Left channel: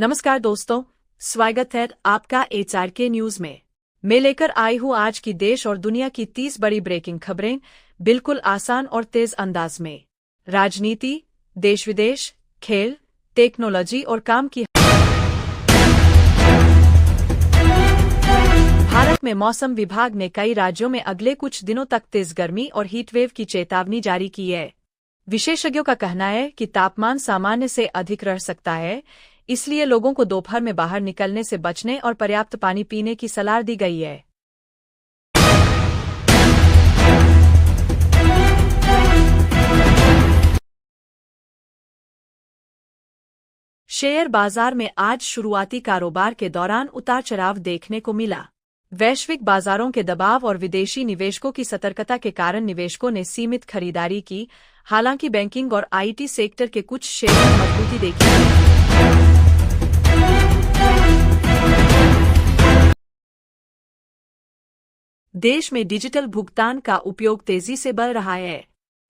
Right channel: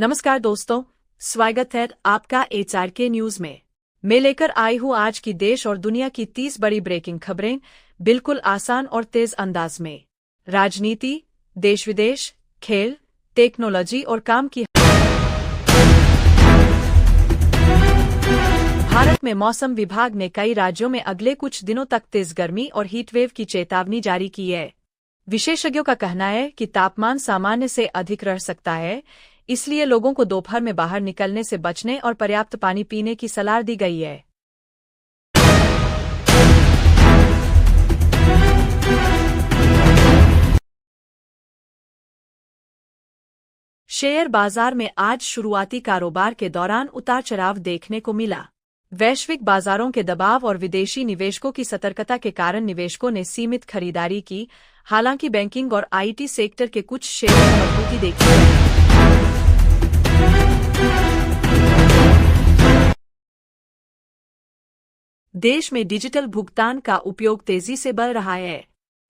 नमस्कार दोस्तों, स्वागत है आपका HRK न्यूज में। मैं लेकर आई हूँ आज की देश और दुनिया की 30 बड़ी ब्रेकिंग खबरें, बिल्कुल आसान और तेज अंदाज में। राजनीति, देश विदेश, खेल, टेक्नोलॉजी और काम की। भारत में मौसम विभाग ने कई राज्यों में अगले कुछ दिनों तक तेज गर्मी और हीटवेव की चेतावनी जारी की है। विशेषज्ञों का कहना है कि तापमान सामान्य से अधिक रह सकता है, इसलिए लोगों को दोपहर में बाहर निकलने से बचने और पर्याप्त पानी पीने की सलाह दी गई है। शेयर बाजार में आज शुरुआती कारोबार के दौरान उतार चढ़ाव देखने को मिला। वैश्विक बाजारों के दबाव और विदेशी निवेशकों की सतर्कता के कारण निवेशकों ने सीमित खरीदारी की, हालांकि बैंकिंग और IT सेक्टर के कुछ शेयरों में मजबूती देखी गई। देश में डिजिटल भुगतान का उपयोग तेजी से बढ़ रहा है।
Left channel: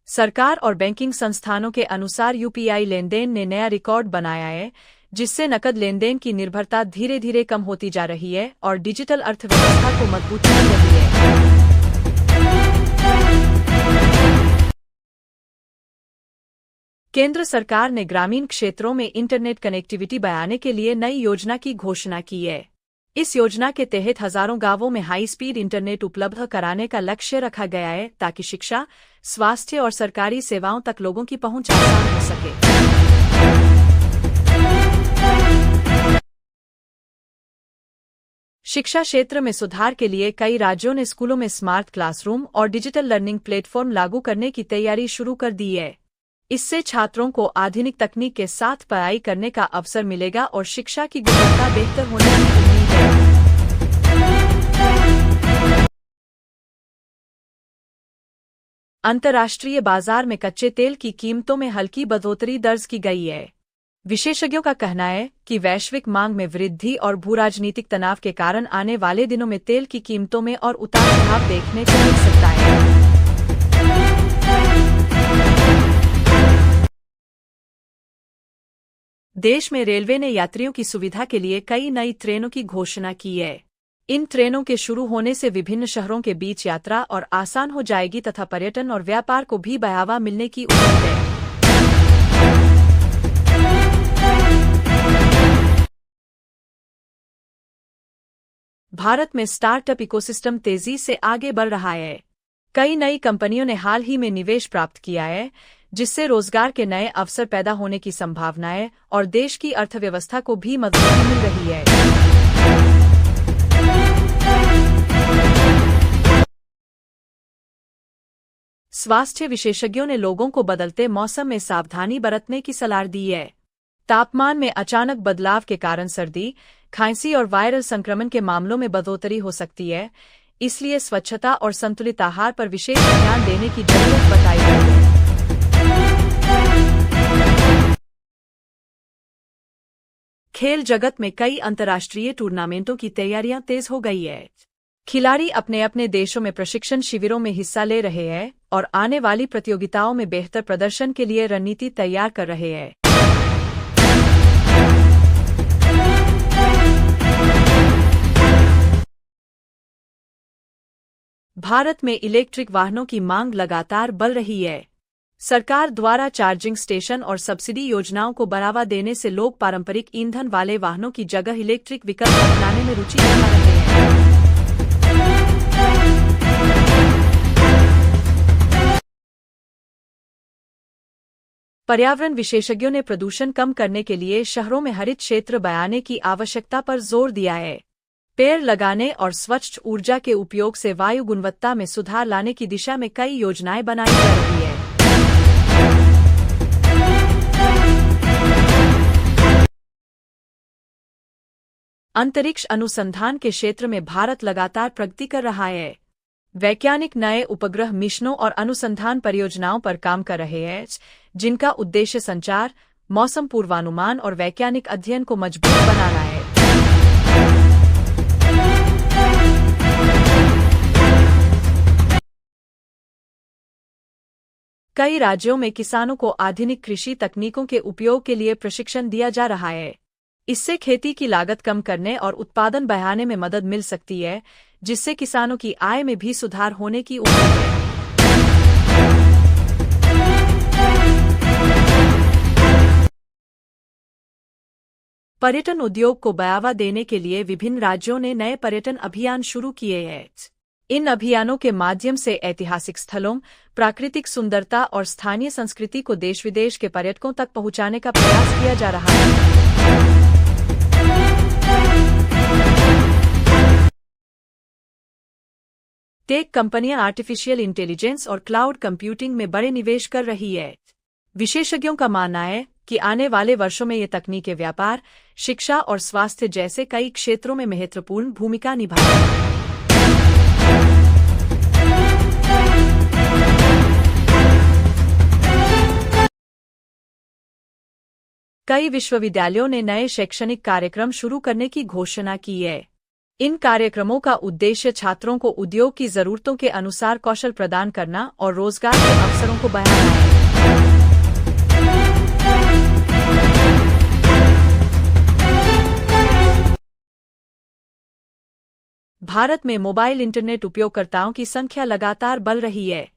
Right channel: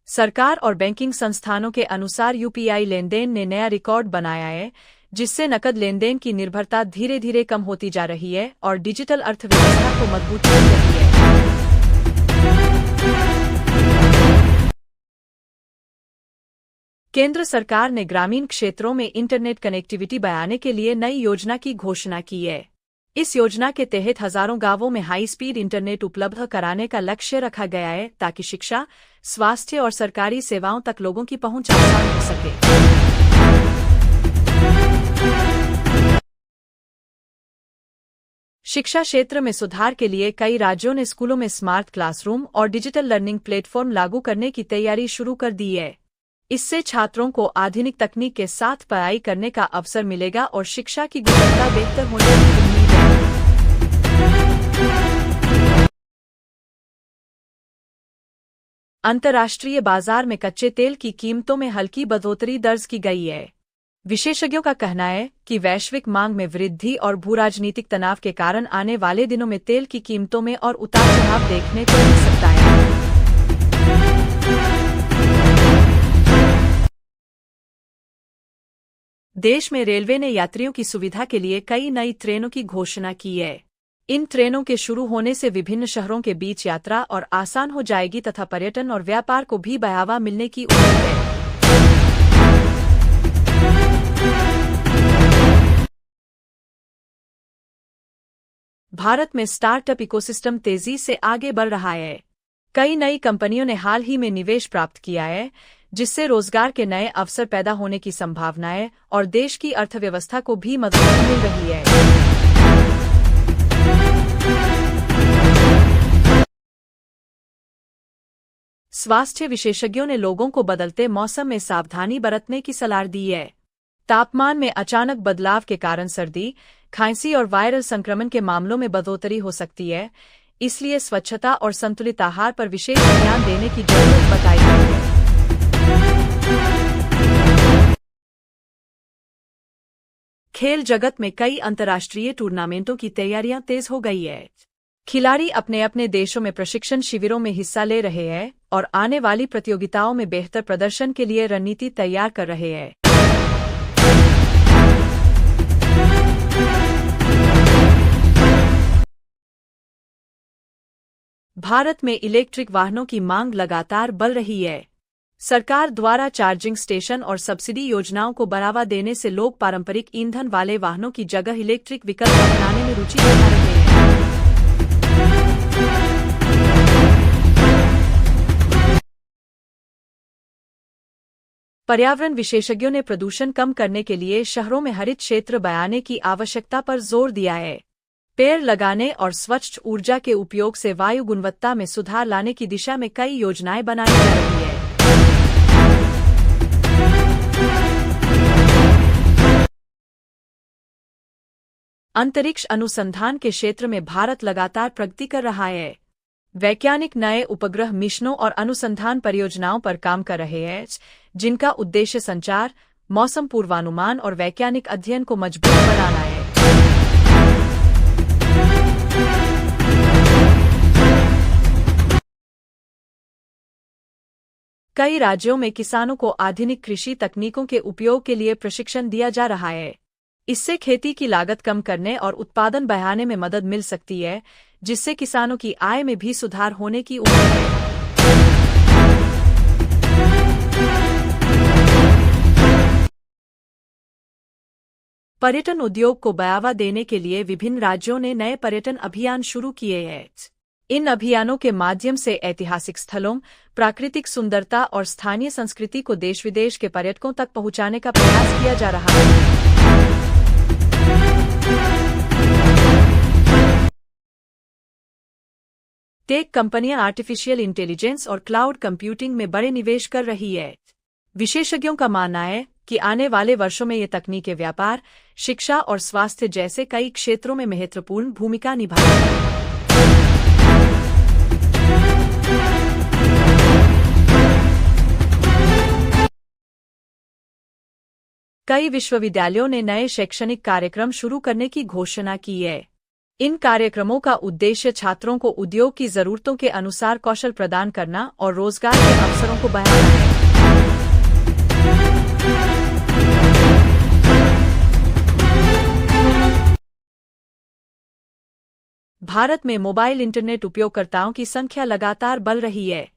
सरकार और बैंकिंग संस्थानों के अनुसार UPI लेनदेन ने नया रिकॉर्ड बनाया है, जिससे नकद लेनदेन की निर्भरता धीरे धीरे कम होती जा रही है और डिजिटल अर्थव्यवस्था को मजबूती मिल रही है। केंद्र सरकार ने ग्रामीण क्षेत्रों में इंटरनेट कनेक्टिविटी बढ़ाने के लिए नई योजना की घोषणा की है। इस योजना के तहत हजारों गांवों में हाई स्पीड इंटरनेट उपलब्ध कराने का लक्ष्य रखा गया है, ताकि शिक्षा, स्वास्थ्य और सरकारी सेवाओं तक लोगों की पहुंच आसान हो सके। शिक्षा क्षेत्र में सुधार के लिए कई राज्यों ने स्कूलों में स्मार्ट क्लासरूम और डिजिटल लर्निंग प्लेटफॉर्म लागू करने की तैयारी शुरू कर दी है। इससे छात्रों को आधुनिक तकनीक के साथ पढ़ाई करने का अवसर मिलेगा और शिक्षा की गुणवत्ता बेहतर होने की उम्मीद है। अंतर्राष्ट्रीय बाजार में कच्चे तेल की कीमतों में हल्की बढ़ोतरी दर्ज की गई है। विशेषज्ञों का कहना है कि वैश्विक मांग में वृद्धि और भूराजनीतिक तनाव के कारण आने वाले दिनों में तेल की कीमतों में और उतार चढ़ाव देखने को मिल सकता है। देश में रेलवे ने यात्रियों की सुविधा के लिए कई नई ट्रेनों की घोषणा की है। इन ट्रेनों के शुरू होने से विभिन्न शहरों के बीच यात्रा और आसान हो जाएगी तथा पर्यटन और व्यापार को भी बढ़ावा मिलने की उम्मीद है। भारत में स्टार्टअप इकोसिस्टम तेजी से आगे बढ़ रहा है। कई नई कंपनियों ने हाल ही में निवेश प्राप्त किया है, जिससे रोजगार के नए अवसर पैदा होने की संभावना है और देश की अर्थव्यवस्था को भी मजबूती मिल रही है। स्वास्थ्य विशेषज्ञों ने लोगों को बदलते मौसम में सावधानी बरतने की सलाह दी है। तापमान में अचानक बदलाव के कारण सर्दी, खांसी और वायरल संक्रमण के मामलों में बढ़ोतरी हो सकती है, इसलिए स्वच्छता और संतुलित आहार पर विशेष ध्यान देने की जरूरत बताई गई है। खेल जगत में कई अंतर्राष्ट्रीय टूर्नामेंटों की तैयारियां तेज हो गई है। खिलाड़ी अपने अपने देशों में प्रशिक्षण शिविरों में हिस्सा ले रहे हैं और आने वाली प्रतियोगिताओं में बेहतर प्रदर्शन के लिए रणनीति तैयार कर रहे हैं। भारत में इलेक्ट्रिक वाहनों की मांग लगातार बढ़ रही है। सरकार द्वारा चार्जिंग स्टेशन और सब्सिडी योजनाओं को बढ़ावा देने से लोग पारंपरिक ईंधन वाले वाहनों की जगह इलेक्ट्रिक विकल्प अपनाने में रुचि दिखा रहे हैं। पर्यावरण विशेषज्ञों ने प्रदूषण कम करने के लिए शहरों में हरित क्षेत्र बनाने की आवश्यकता पर जोर दिया है। पेड़ लगाने और स्वच्छ ऊर्जा के उपयोग से वायु गुणवत्ता में सुधार लाने की दिशा में कई योजनाएं बनाई जा रही है। अंतरिक्ष अनुसंधान के क्षेत्र में भारत लगातार प्रगति कर रहा है। वैज्ञानिक नए उपग्रह मिशनों और अनुसंधान परियोजनाओं पर काम कर रहे हैं, जिनका उद्देश्य संचार, मौसम पूर्वानुमान और वैज्ञानिक अध्ययन को मजबूत बनाना है। कई राज्यों में किसानों को आधुनिक कृषि तकनीकों के उपयोग के लिए प्रशिक्षण दिया जा रहा है। इससे खेती की लागत कम करने और उत्पादन बढ़ाने में मदद मिल सकती है, जिससे किसानों की आय में भी सुधार होने की उम्मीद है। पर्यटन उद्योग को बढ़ावा देने के लिए विभिन्न राज्यों ने नए पर्यटन अभियान शुरू किए हैं। इन अभियानों के माध्यम से ऐतिहासिक स्थलों, प्राकृतिक सुंदरता और स्थानीय संस्कृति को देश विदेश के पर्यटकों तक पहुंचाने का प्रयास किया जा रहा है। टेक कंपनियां आर्टिफिशियल इंटेलिजेंस और क्लाउड कंप्यूटिंग में बड़े निवेश कर रही है। विशेषज्ञों का मानना है कि आने वाले वर्षों में ये तकनीकें व्यापार, शिक्षा और स्वास्थ्य जैसे कई क्षेत्रों में महत्वपूर्ण भूमिका निभाएंगी। कई विश्वविद्यालयों ने नए शैक्षणिक कार्यक्रम शुरू करने की घोषणा की है। इन कार्यक्रमों का उद्देश्य छात्रों को उद्योग की जरूरतों के अनुसार कौशल प्रदान करना और रोजगार के अवसरों को बढ़ाना है। भारत में मोबाइल इंटरनेट उपयोगकर्ताओं की संख्या लगातार बढ़ रही है।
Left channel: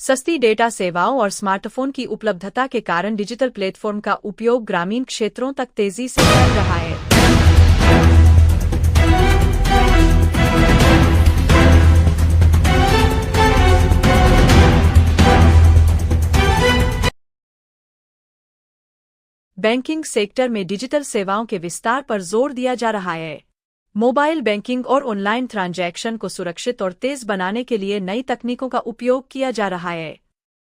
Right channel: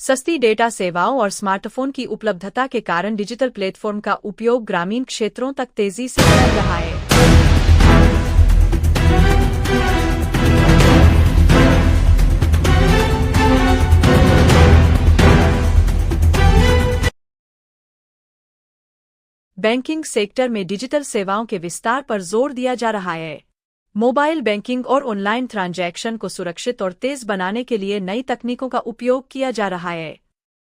सस्ती डेटा सेवाओं और स्मार्टफोन की उपलब्धता के कारण डिजिटल प्लेटफॉर्म का उपयोग ग्रामीण क्षेत्रों तक तेजी से फैल रहा है। बैंकिंग सेक्टर में डिजिटल सेवाओं के विस्तार पर जोर दिया जा रहा है। मोबाइल बैंकिंग और ऑनलाइन ट्रांजैक्शन को सुरक्षित और तेज बनाने के लिए नई तकनीकों का उपयोग किया जा रहा है।